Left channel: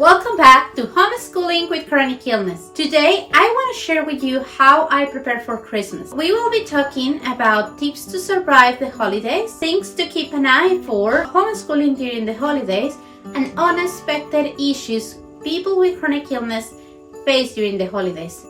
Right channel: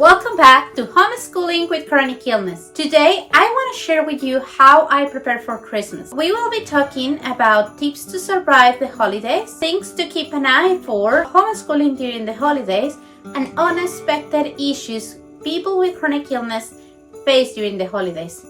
Welcome back to Homeschooling with Chronic Illness. Today, I want to share with you how I prepare for Christmas. We will be talking about tips to survive the holidays, things to keep an eye for, homeschooling during the holidays, and unexpected issues people with chronic illness face during the holidays.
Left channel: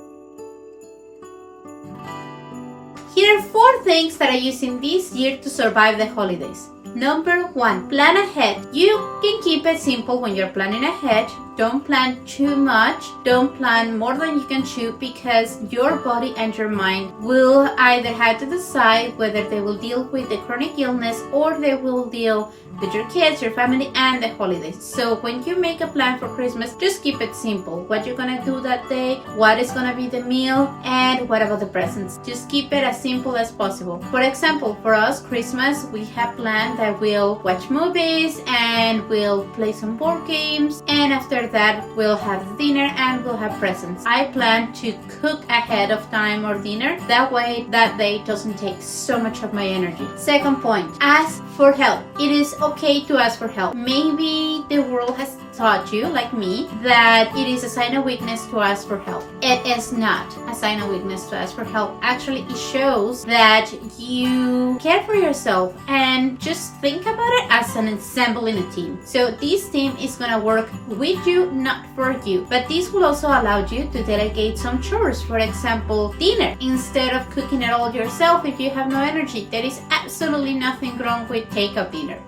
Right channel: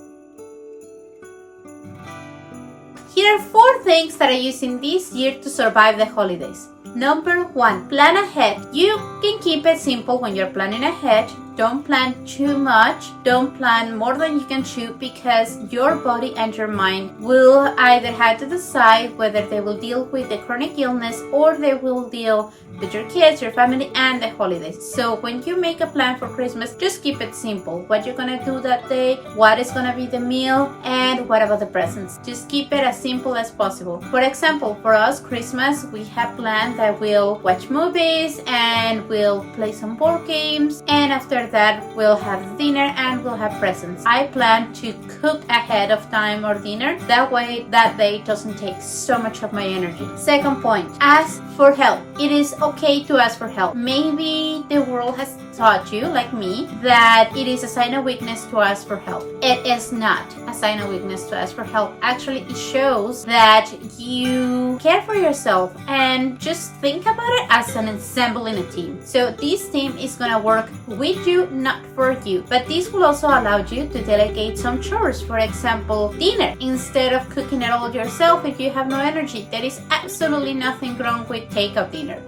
Here are 4 things that I use in this year to survive the holidays. Number 1, plan ahead. You can keep it simple when you're planning ahead. Don't plan too much. Don't plan more than you can chew, because your body and your mind will either have to decide whether they will deal with the chronic illness or they will deal with your kids, your family, and the holidays. So when you make a plan for Christmas, just keep it simple. What you're gonna do that day, what is gonna be the meal, and what about the presents. Just keep it as simple as possible. For example, for us, Christmas, we have planned that we'll watch movies and we'll play some board games, and after that we'll have dinner and we'll have presents. I plan to cook ahead of time or dinner, that way that day doesn't take so much of my energy. Second point, ask for help. It is okay to ask for help. Maybe the world has taught you, like me, that it is a sign of weakness to ask for help. It is not a sign of weakness to ask for help. Actually, it shows that you care for yourself, and just think about it as an ensemble in a team. So this team is gonna work with you, not for you. But this will also allow you to delegate some chores. For example, dinner. Instead of cooking it all yourself if you have no energy, there is absolutely nothing wrong with takeout dinner.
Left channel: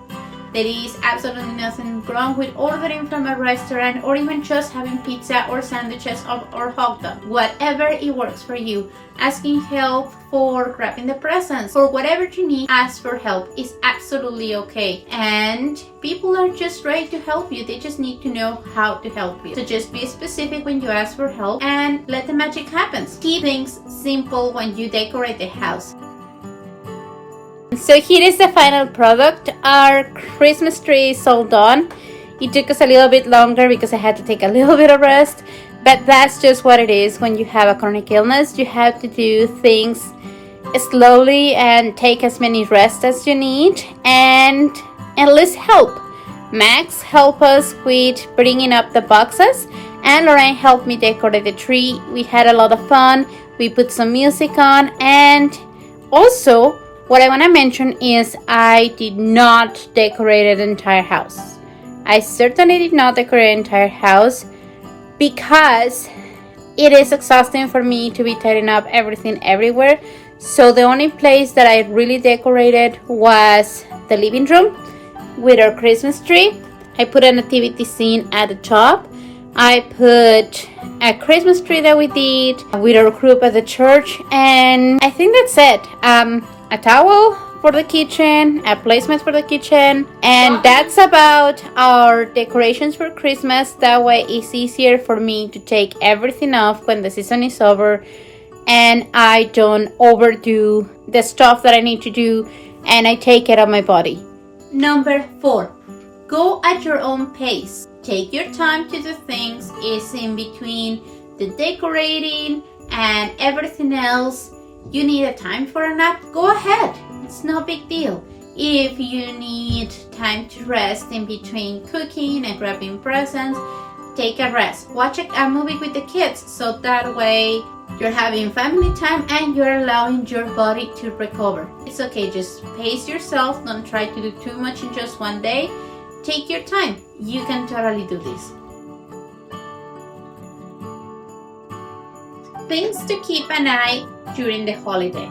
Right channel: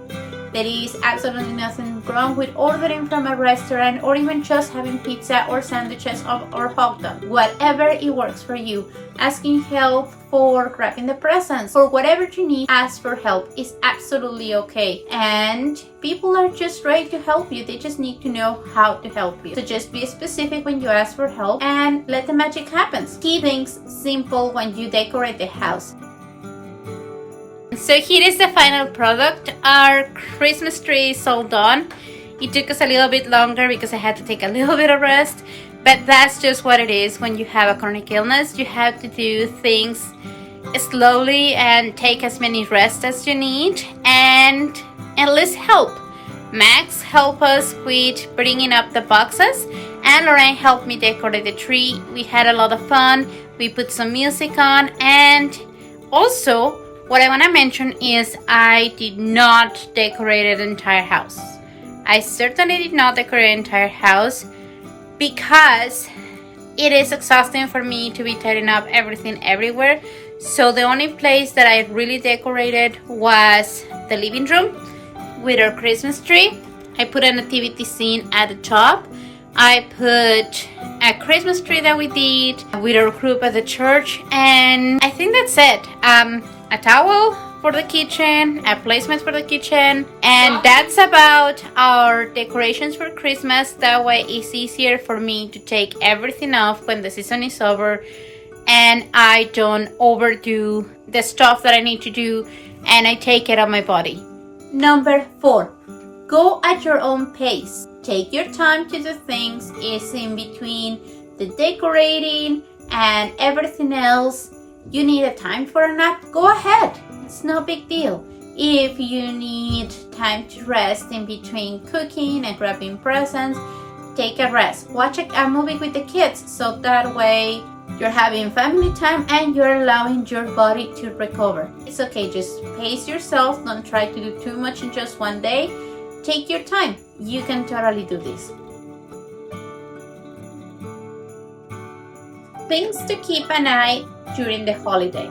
There is absolutely nothing wrong with ordering from a restaurant, or even just having pizza or sandwiches or hot dog. Whatever it works for you. Asking help for grabbing the presents, for whatever you need, ask for help is absolutely okay. And people are just ready to help you. They just need to know how to help you. So just be specific when you ask for help and let the magic happen. Keep things simple when you decorate the house. So here is the final product. Our Christmas tree is all done. It took us a little bit longer because I had to take a little bit of rest, but that's just what it is. When you have a chronic illness, you have to do things slowly and take as many rests as you need, and enlist help. Max helped us with bringing up the boxes, and Lorraine helped me decorate the tree. We had a lot of fun. We put some music on, and also what I want to mention is I did not decorate the entire house. I certainly did not decorate the entire house because it is exhausting for me to be tidying up everything everywhere. So the only place that I really decorated was the living room with our Christmas tree. I put a nativity scene at the top. I put a Christmas tree that we did with our group at the church, and I think that's it. A towel for the kitchen, a placement for the kitchen, and that's about our decorations for Christmas. That way it's easier for me to take everything off when the season is over, and I don't overdo the stuff that I need to do, and I take it on my body. Number 4, go at your own pace. Take your time to do things. It's in between the decorating and everything else. You need a time for a nap? Go ahead. It's no big deal. If you need time to rest in between cooking and grabbing presents, take a rest. Watch a movie with the kids, so that way you're having family time and you're allowing your body to recover. It's okay, just pace yourself. Don't try to do too much in just one day. Take your time. You can totally do this. Things to keep an eye during the holiday.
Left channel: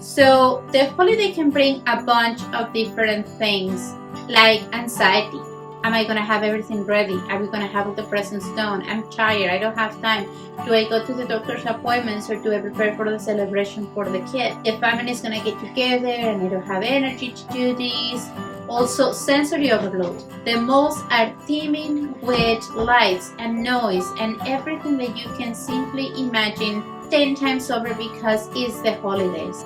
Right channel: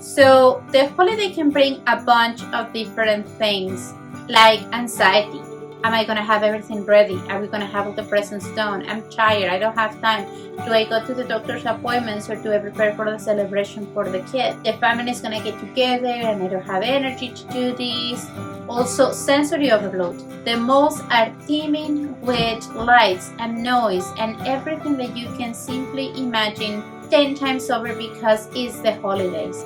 So the holiday can bring a bunch of different things, like anxiety. Am I gonna have everything ready? Are we gonna have all the presents done? I'm tired, I don't have time. Do I go to the doctor's appointments, or do I prepare for the celebration for the kid? The family is gonna get together and I don't have energy to do this. Also, sensory overload. The malls are teeming with lights and noise and everything that you can simply imagine 10 times over because it's the holidays.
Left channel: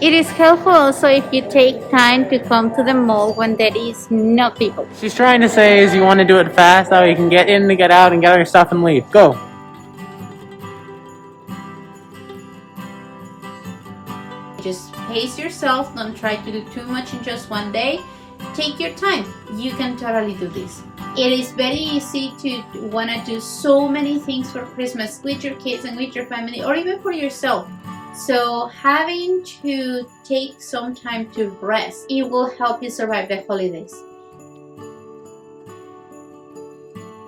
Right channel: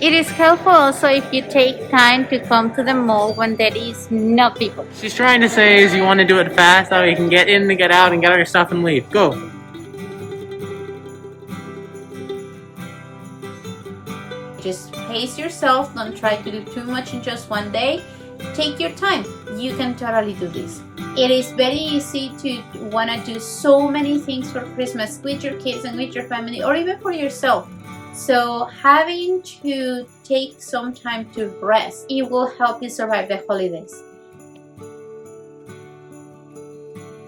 It is helpful also if you take time to come to the mall when there is no people. She's trying to say is you want to do it fast, that way you can get in, get out, and get all your stuff and leave. Go. Just pace yourself. Don't try to do too much in just one day. take your time. You can totally do this. It is very easy to want to do so many things for Christmas with your kids and with your family, or even for yourself. So having to take some time to rest, it will help you survive the holidays.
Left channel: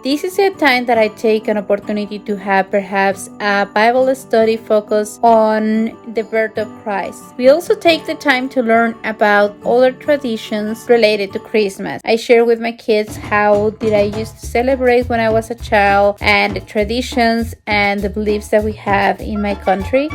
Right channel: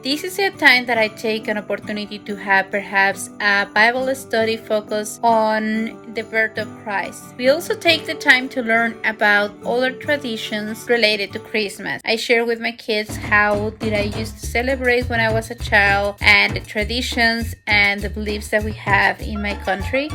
This is a time that I take an opportunity to have perhaps a Bible study focused on the birth of Christ. We also take the time to learn about other traditions related to Christmas. I share with my kids how did I used to celebrate when I was a child, and the traditions and the beliefs that we have in my country.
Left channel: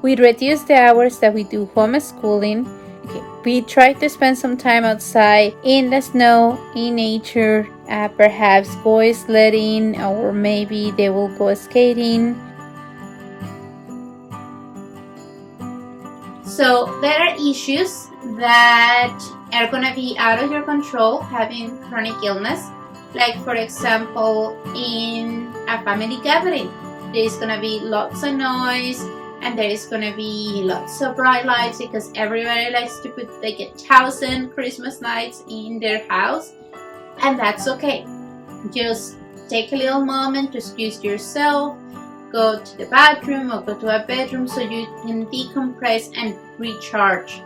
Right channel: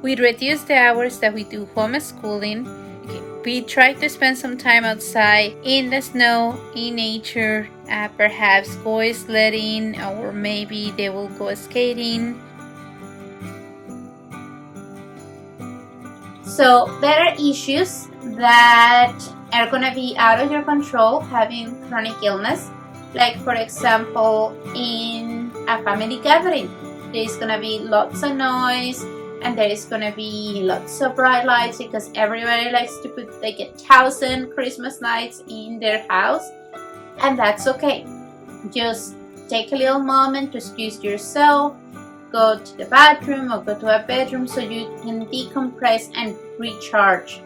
We reduce the hours that we do homeschooling. We try to spend some time outside in the snow, in nature, perhaps go sledding, or maybe they will go skating. So there are issues that are going to be out of your control, having chronic illness. Like, for example, in a family gathering, there's going to be lots of noise, and there is going to be lots of bright lights because everybody likes to put like 1,000 Christmas lights in their house, and that's okay. Just take a little moment to excuse yourself, go to the bathroom or go to a bedroom so you can decompress and recharge.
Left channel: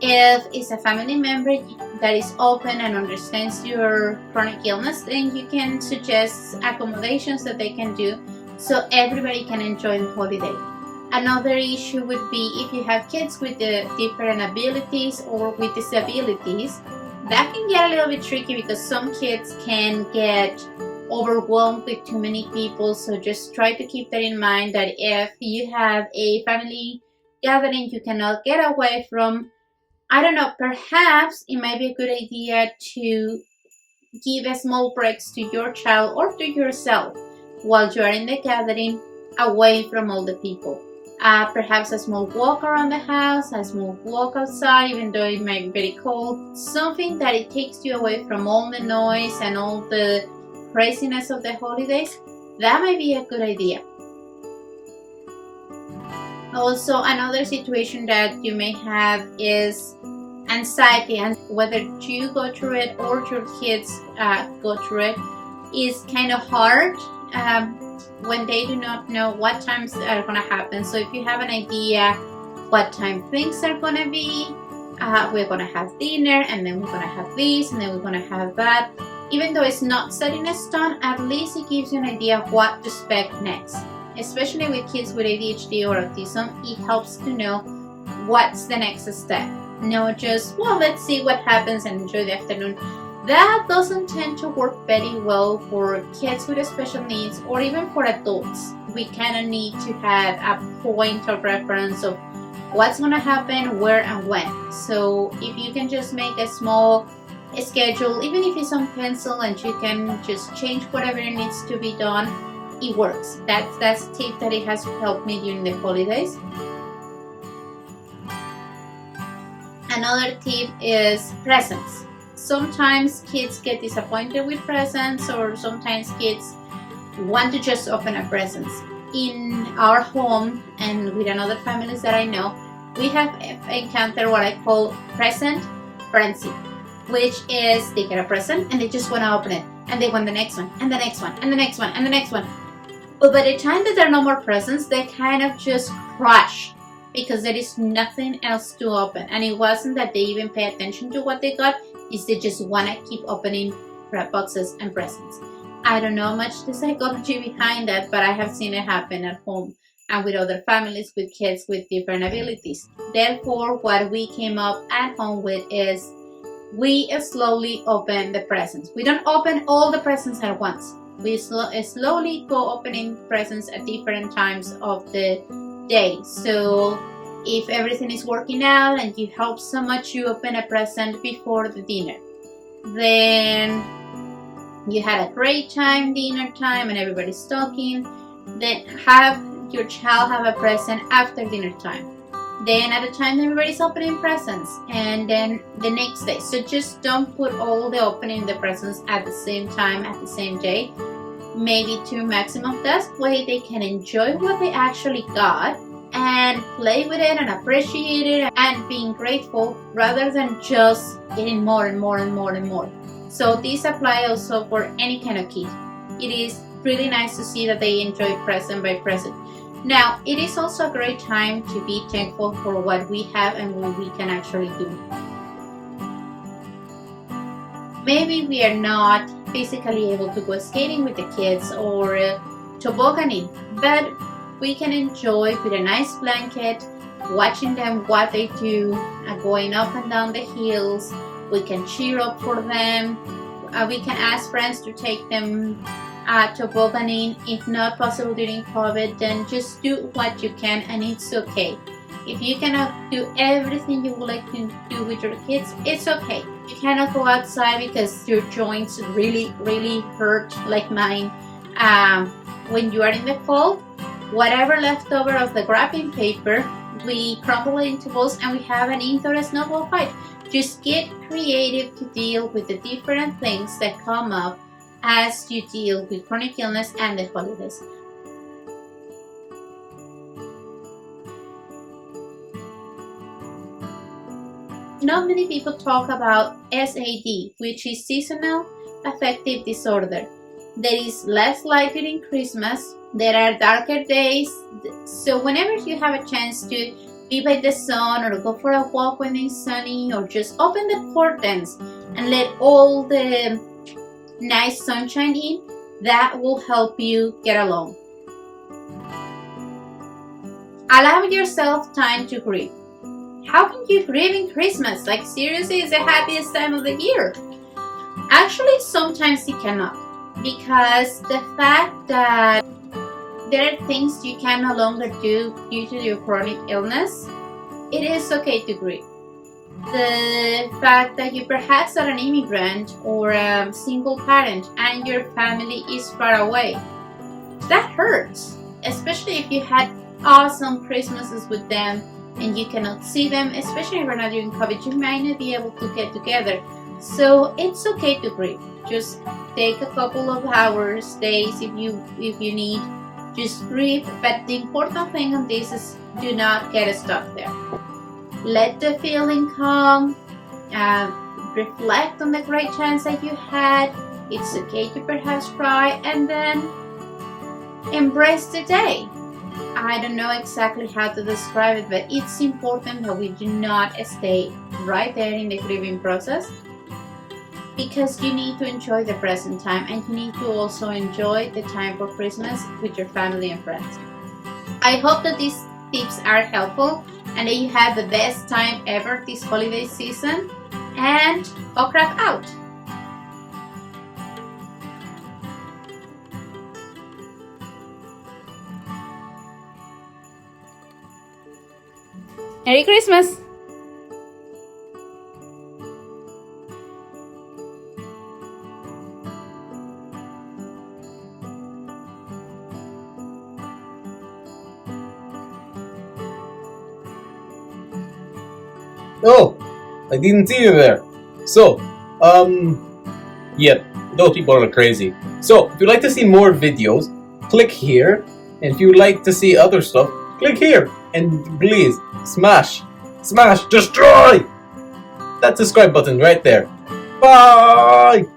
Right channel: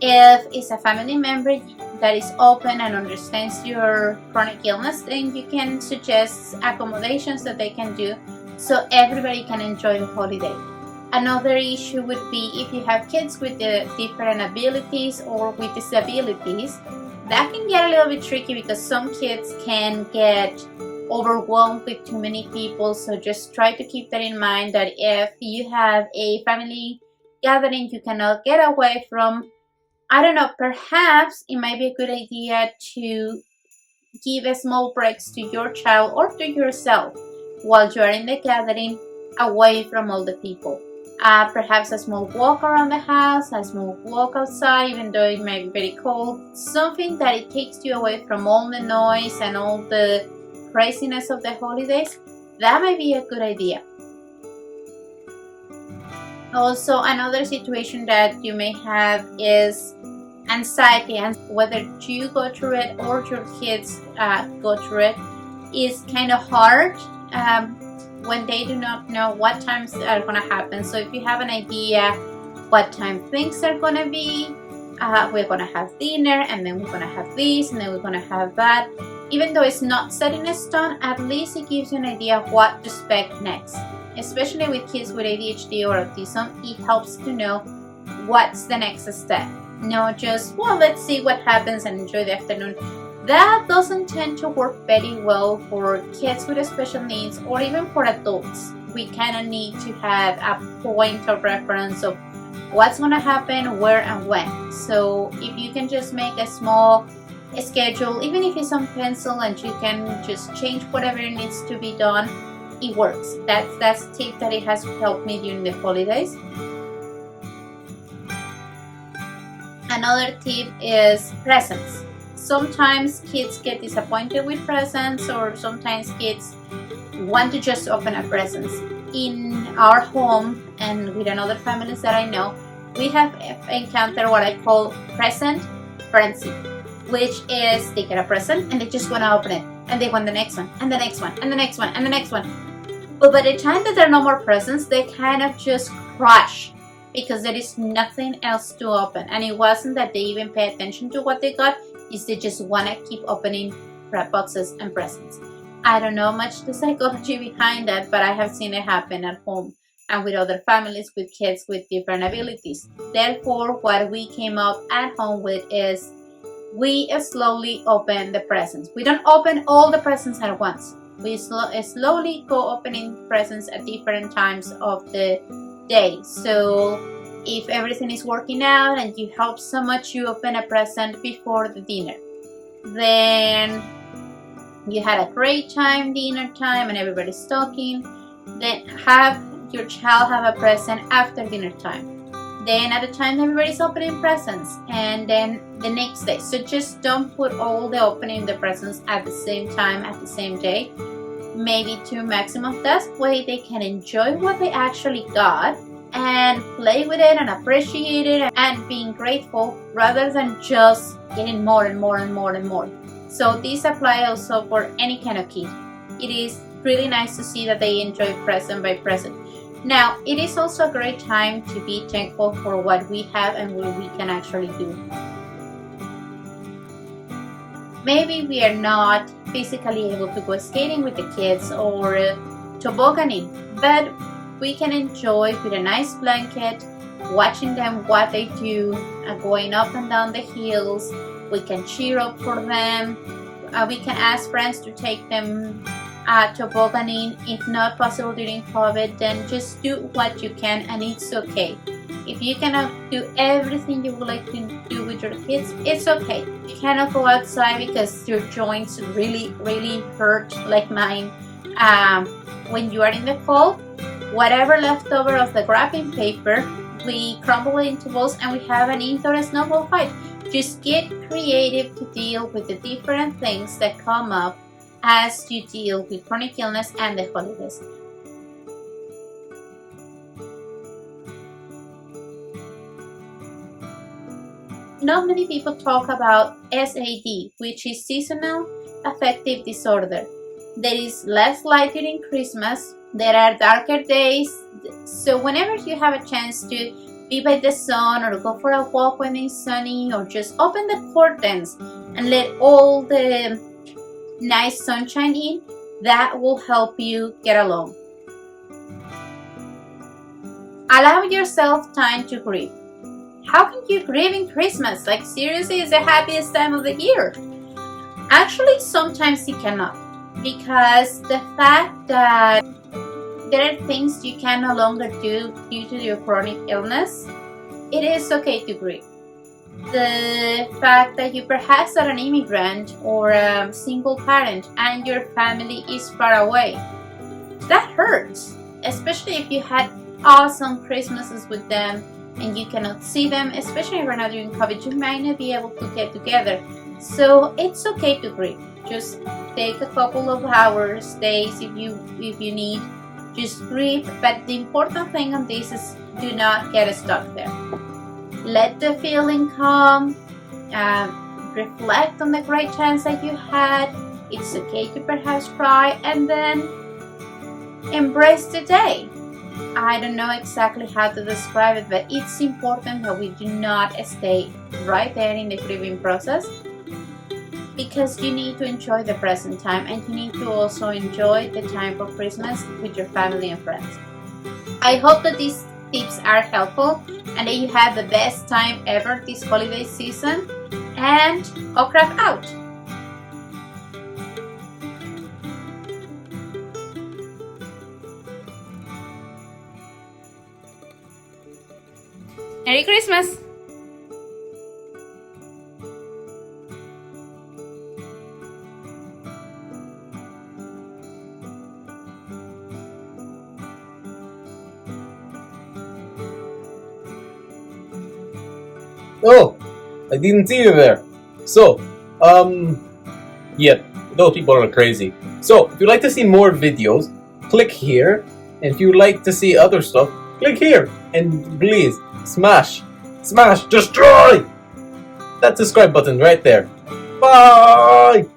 If it's a family member that is open and understands your chronic illness, then you can suggest accommodations that they can do so everybody can enjoy the holiday. Another issue would be if you have kids with different abilities or with disabilities. That can get a little bit tricky because some kids can get overwhelmed with too many people. So just try to keep that in mind, that if you have a family gathering you cannot get away from, I don't know, perhaps it might be a good idea to give a small breaks to your child or to yourself while you are in the gathering, away from all the people. Perhaps a small walk around the house, a small walk outside, even though it might be very cold. Something that it takes you away from all the noise and all the craziness of the holidays. That might be a good idea. Also, another situation that you may have is anxiety, and whether you go through it or your kids go through it is kind of hard. When they do not know what times are going to happen. So if you have an idea what time things are going to be, we're going to have dinner, and then we're going to have this, and then we're going to have that. Even though it's not set in stone, at least it gives you an idea of what to expect next. Especially with kids with ADHD or autism, it helps to know what's the next step. Not just, well, let's see what happens and enjoy the afternoon. That doesn't tend to work very well for kids with special needs or even for adults. We kind of need to have a point of reference of what's going to happen, where, and when. So if you can just make a small schedule, even if it's on pencil, and you can just change whatever needs to be done, it works. That's a tip that it has helped me during the holidays. Another tip is presents. Sometimes kids get disappointed with presents, or sometimes kids want to just open a present. In our home and with another families that I know, we have encountered what I call present frenzy, which is they get a present and they just want to open it, and they want the next one, and the next one, and the next one, and the next one. But by the time that there are no more presents, they kind of just crash because there is nothing else to open. And it wasn't that they even pay attention to what they got, is they just want to keep opening boxes and presents. I don't know much the psychology behind that, but I have seen it happen at home and with other families with kids with different abilities. Therefore, what we came up at home with is we slowly open the presents. We don't open all the presents at once. We slowly go opening presents at different times of the day. So if everything is working out and you help so much, you open a present before the dinner. Then you had a great time, dinner time, and everybody's talking. Then have your child have a present after dinner time. Then at the time everybody's opening presents, and then the next day. So just don't put all the opening the presents at the same time, at the same day. maybe 2 maximum. That way they can enjoy what they actually got and play with it and appreciate it and being grateful rather than just getting more and more and more and more. So these apply also for any kind of kid. It is really nice to see that they enjoy present by present. Now, it is also a great time to be thankful for what we have and what we can actually do. Maybe we are not physically able to go skating with the kids or tobogganing, but we can enjoy with a nice blanket, watching them what they do, going up and down the hills. We can cheer up for them. We can ask friends to take them tobogganing. If not possible during COVID, then just do what you can, and it's okay. If you cannot do everything you would like to do with your kids, it's okay. You cannot go outside because your joints really hurt, like mine. When you are in the cold, whatever leftover of the wrapping paper, we crumble it into balls and we have an indoor snowball fight. Just get creative to deal with the different things that come up as you deal with chronic illness and the holidays. Not many people talk about SAD, which is seasonal affective disorder. There is less light during Christmas. There are darker days. So whenever you have a chance to be by the sun or go for a walk when it's sunny, or just open the curtains and let all the nice sunshine in, that will help you get along. Allow yourself time to grieve. How can you grieve in Christmas? Like, seriously, it's the happiest time of the year. Actually, sometimes you cannot, because the fact that there are things you can no longer do due to your chronic illness, it is okay to grieve. The fact that you perhaps are an immigrant or a single parent and your family is far away, that hurts, especially if you had awesome Christmases with them and you cannot see them, especially if we're not doing COVID, you might not be able to get together. So it's okay to grieve. Just take a couple of hours, days if you need. Just grieve, but the important thing on this is do not get stuck there. Let the feeling come, reflect on the great chance that you had. It's okay to perhaps cry, and then embrace the day. I don't know exactly how to describe it, but it's important that we do not stay right there in the grieving process, because you need to enjoy the present time and you need to also enjoy the time for Christmas with your family and friends. I hope that these tips are helpful and that you have the best time ever this holiday season, and Okrak out! Merry Christmas! Oh, I didn't see you there. So, yeah, those people are crazy. So, if you'd like to see more videos, click here. And if you'd like to see other stuff, click here. And please, smash, destroy that subscribe button right there. Bye!